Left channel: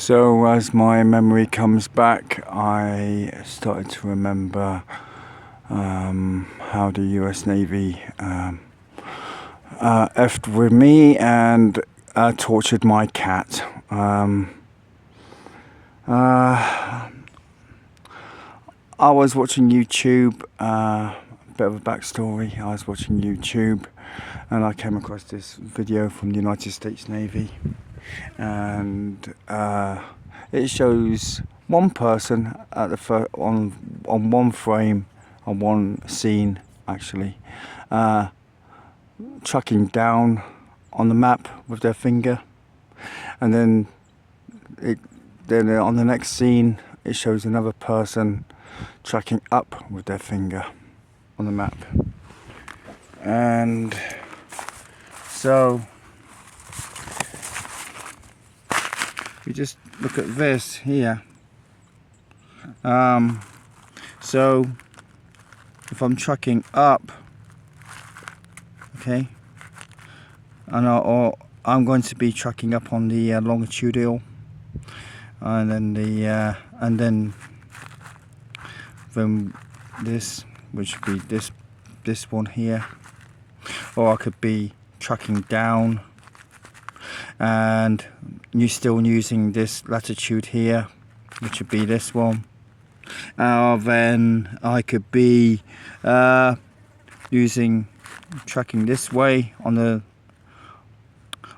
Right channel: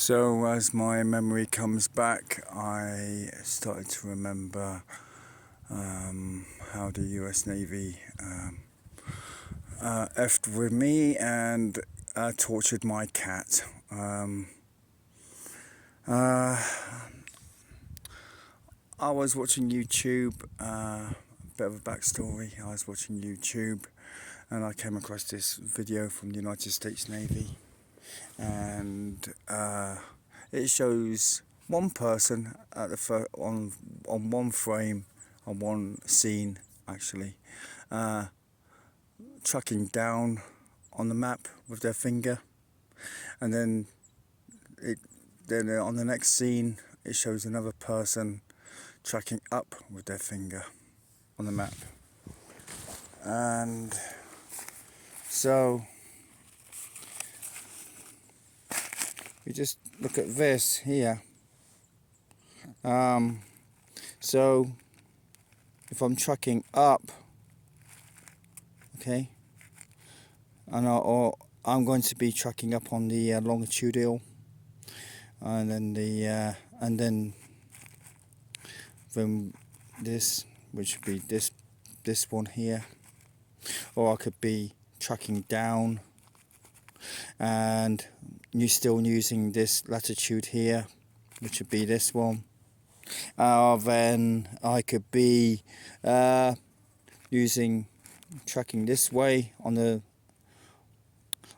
So as my memory comes back, I started to remember how the US Navy effed with me and tortured my cat. I was watching YouTube, a bit of a backstory. I was watching YouTube and I came across this video from the United States Navy, and it shows one person at the on one frame, on one scene actually, tracking down on the map with their finger, and then on the next scene it shows another person tracking up with their finger on the map. And so you just look at this here. So if I'm tracking up, okay, and I'm going to be tracking up on the longitudinal, and then this, which would be this one here, or I could be tracking down and you're still using this latitude here, which would be this one. Then I could be tracking this way on the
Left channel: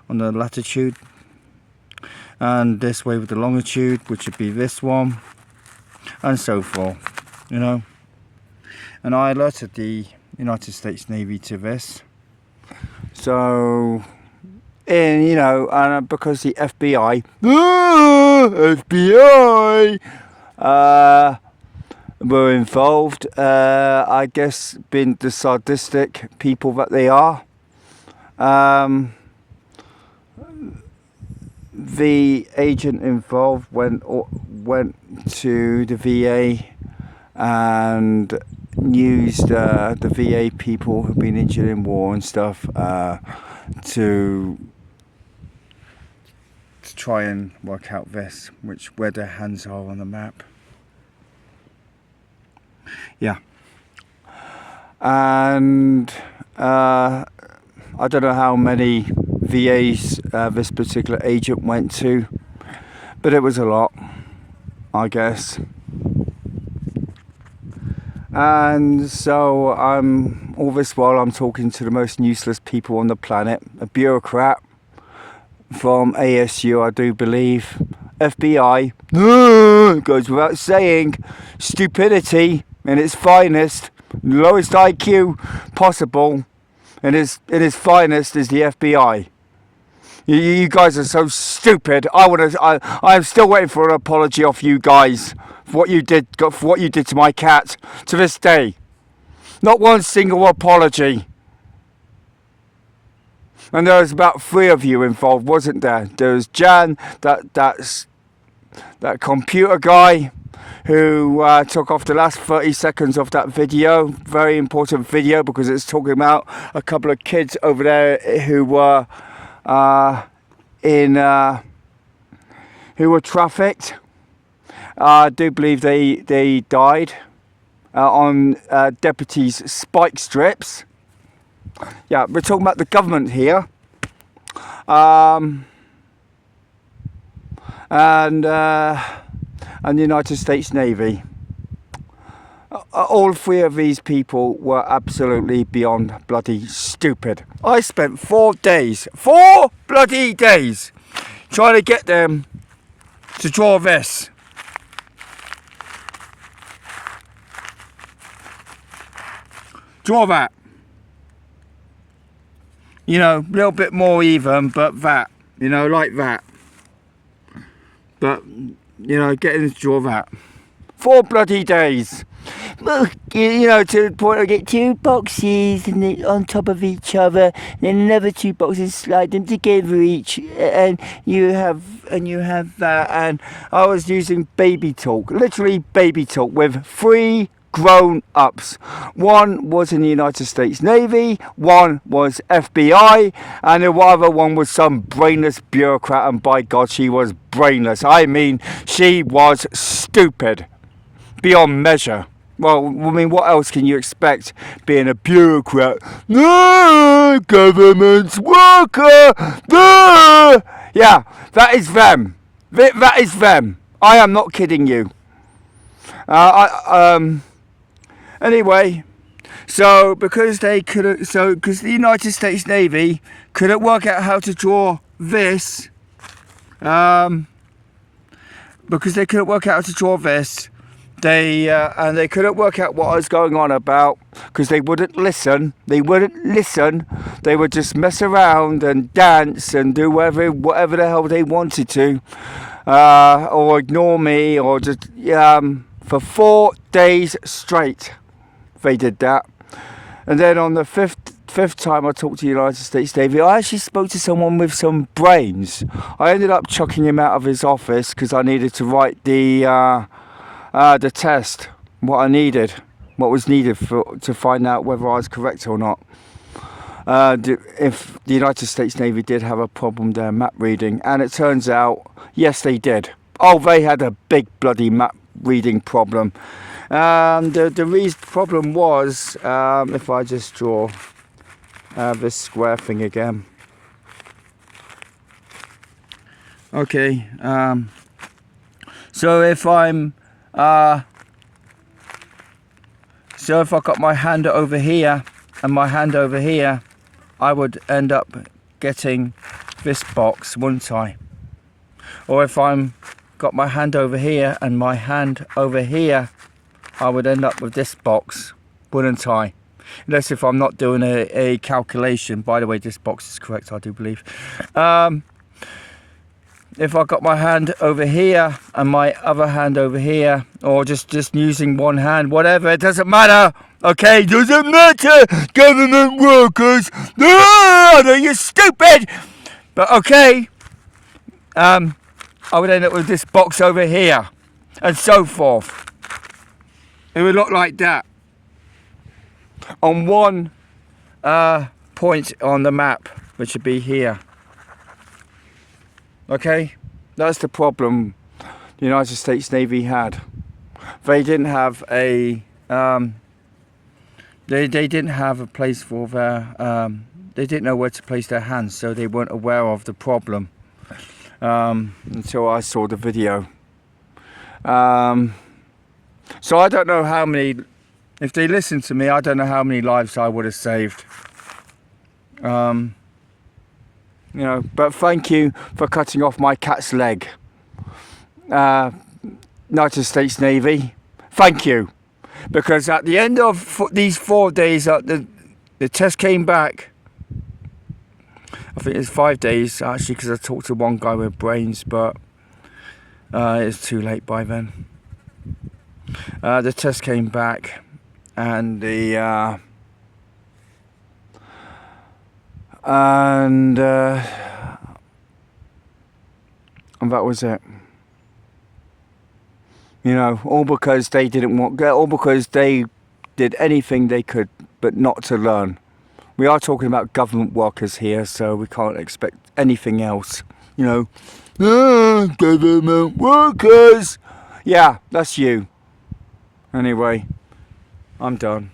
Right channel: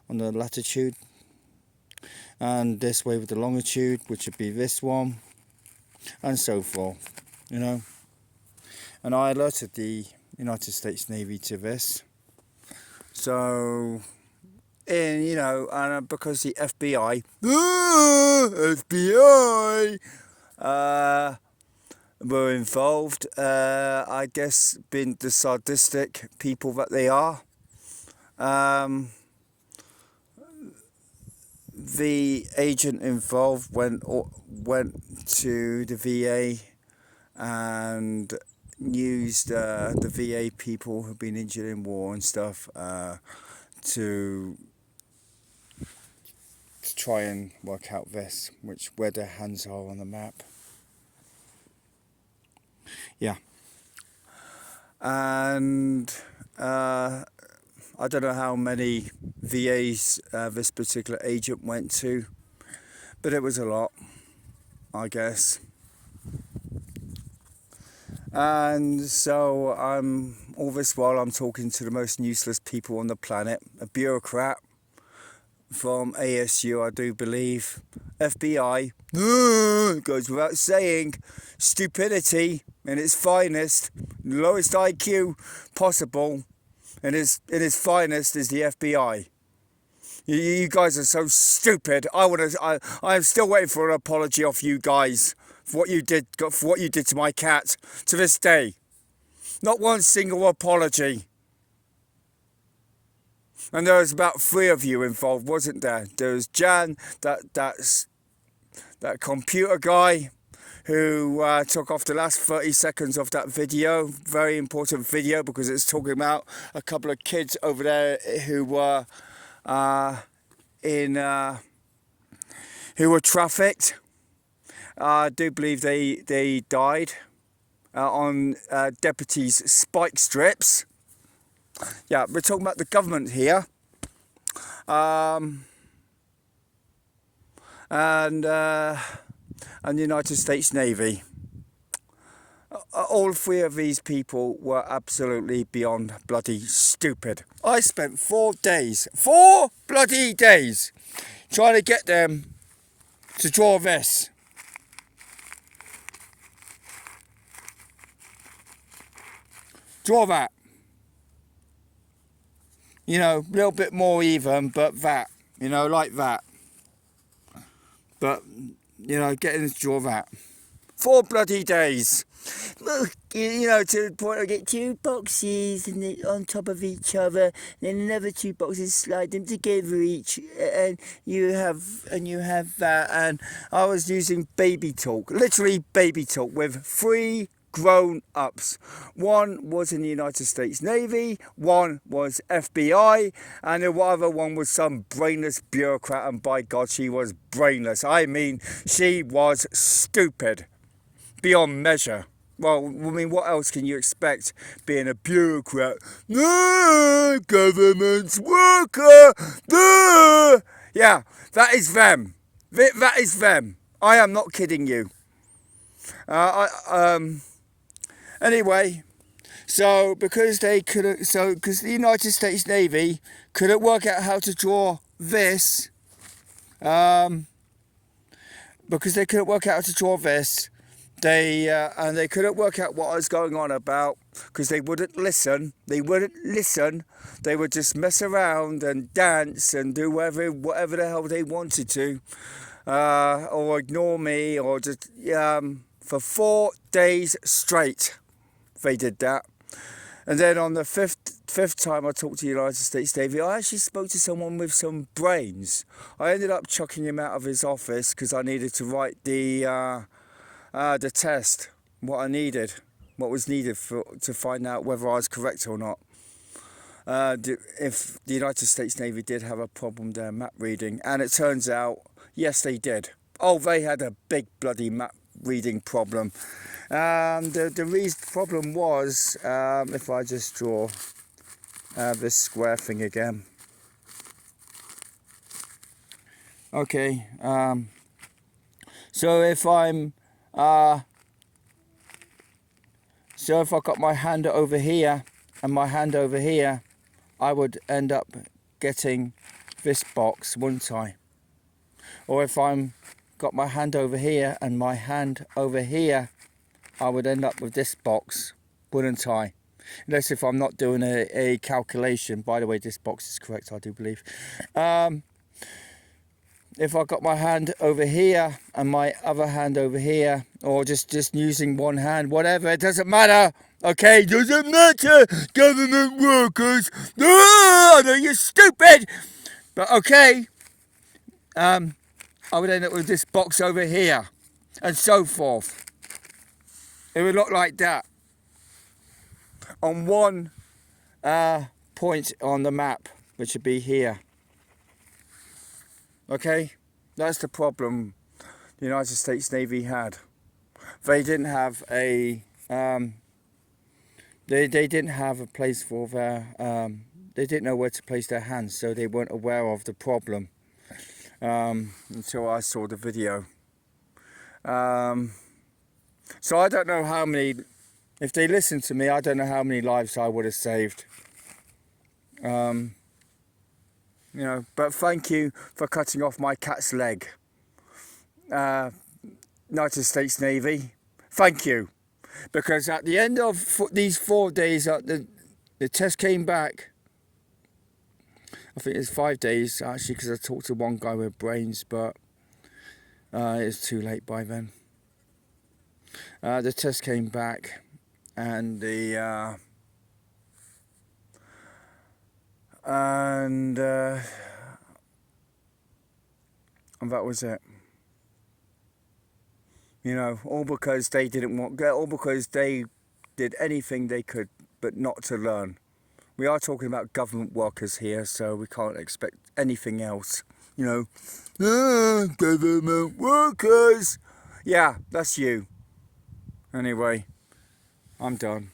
latitude, and this way with the longitude, which would be this one, and so forth, you know. And I alerted the United States Navy to this. So, because the FBI were involved, I guess being the sadistic people that they are, the agent involved went to the VA and used the VA people who've been injured in war and stuff to try and work out where their hands are on the map. Yeah. And I don't know how many VAs this particular agent went to, but it was a lot, I guess. And so all this while I'm talking to the most useless people on the planet, a bureaucrat from ASU, I do believe, FBI, goes without saying, stupidity in its finest, lowest IQ possible, and its finest is the FBI. You guys are so stupid. I'm still waiting for an apology off you guys for what you did to my cat to this day. Not one single apology. And there was about 3 of you involved, wasn't there? There was Jan, that computer guy who took off the last 30 seconds of that video. Very important video because it's talking about a couple of kids over there who were trafficked. I do believe they died on deputies' spike strips. Yeah, we're talking about the government here, and the United States Navy. All 3 of these people were absolutely beyond bloody stupid. I spent 4 bloody days, trying to get them to draw this. Draw that. A little bit more even, but that. Like that. But, getting to draw that. 4 bloody days. To the point I get 2 boxes and on top of each other, then another 2 boxes, slide them together each, and you have that. And I was using baby talk, literally baby talk, with 3 grown-ups. One was in the United States Navy, one was FBI, and the other one was some brainless bureaucrat, and by God, she was brainless. I mean, she was stupid beyond measure. Well, I mean, what else can you expect being a bureaucrat? No, government worker. No. Yeah, that is them. That is them. I am not kidding you. Anyway, so because because the United States Navy couldn't work out how to draw this, because they couldn't work out how to draw this, and they couldn't work out what I was going on about, because they wouldn't listen. They would just mess around and dance and do whatever the hell they wanted to, or ignore me, or just for 4 days straight. They did that. And then on the fifth time I talked to the United States Navy, I actually spoke to someone with some brains. I ended up chucking him out of his office because I needed to write the test, what was needed to find out whether I was correct or not. If the United States Navy did have a problem there, map reading, and it turns out, yes, they did. Oh, they had a big bloody map reading problem. The problem was, if I just draw this square thing again. Okay, so if I got my hand over here and my hand over here, I would end up getting this box, wouldn't I? Or if I'm got my hand over here and my hand over here, I would end up with this box, wouldn't I? Unless if I'm not doing a calculation. By the way, this box is correct, I do believe. If I got my hand over here and my other hand over here, or just using one hand, whatever, it doesn't matter. Okay, doesn't matter. Government workers. No, you're stupid. But okay, I would end up with this box over here, and so forth. It would look like that on one point on the map, which would be here. Okay, that's the problem the United States Navy had. They didn't have a they didn't have a place for their they didn't know where to place their hands, so they weren't aware of the problem until I saw the video. So I don't know how many, if they listened to me, I don't know how many lives I would have saved. But thank you for cutting off my cat's leg. United States Navy, thank you. Because at the end of these 4 days, the test came back. I think it's 5 days, actually, because I talked to one guy with brains, but it's too late by then. The test came back, and that was it. All because they all because they did anything they could, but not to learn. We are talking about government workers here, so we can't expect anything else. Government workers. Yeah, that's you. Anyway, I'm done.